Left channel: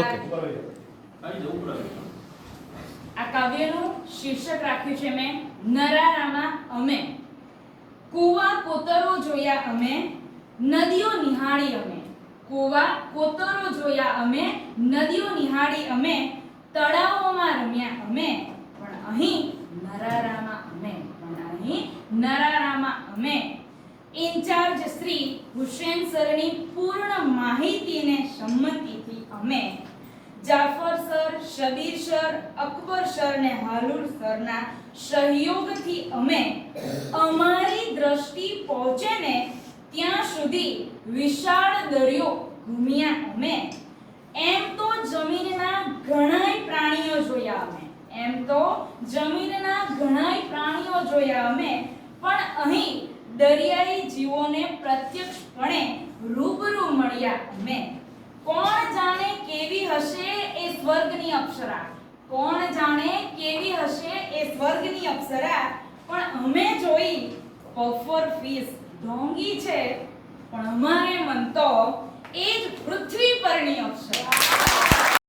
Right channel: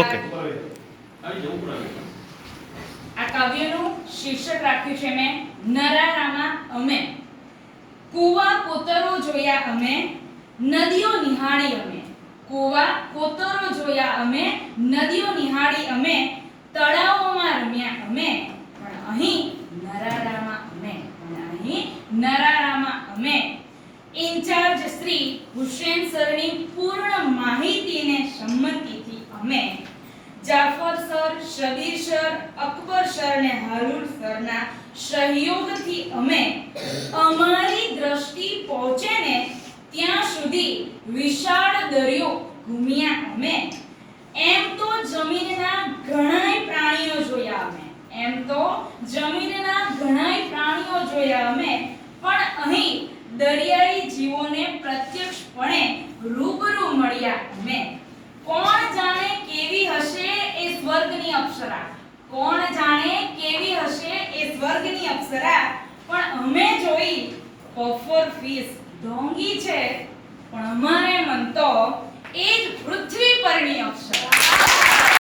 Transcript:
Okay. આ કાવ્યનું શીર્ષક રાખ્યું છે મેં નરારામાં અમે. કૂવા કોતરો જોયા અમે, નદીઓ નિહાળી અમે. કૂવા કોતરો જોયા અમે, નદીઓ નિહાળી અમે, તળાવોમાં રમ્યા અમે, પણ અહીં નરારામાં અમે. ઇન્ચાર્જ શ્રી હુસેન સરની પૂર્ણ માહિતીને સંમતિથી અમે, Jafar sir, Shabbir sir, Akbar sir ને હારૂન સરના સહયોગથી અમે અમારી દ્રષ્ટિ પહોંચે ને ત્યાં સુધી વિશાળ દરિયો ઘૂમ્યા અમે. એમ તો જમીનના ઘણાય પ્રાણીઓ જોયા અમે, પણ અહીં દરિયાઈ જીવોને પ્રત્યક્ષપણે રૂબરૂ મળ્યા અમે. કોણ જાણે કેવી હશે એ સ્વર્ગની અપ્સરા, પણ અમે જોઈ પફર ફિશ ઢોંગી છે, પણ અમારે મન તો એ જ પૃથ્વી પરની અપ્સરા.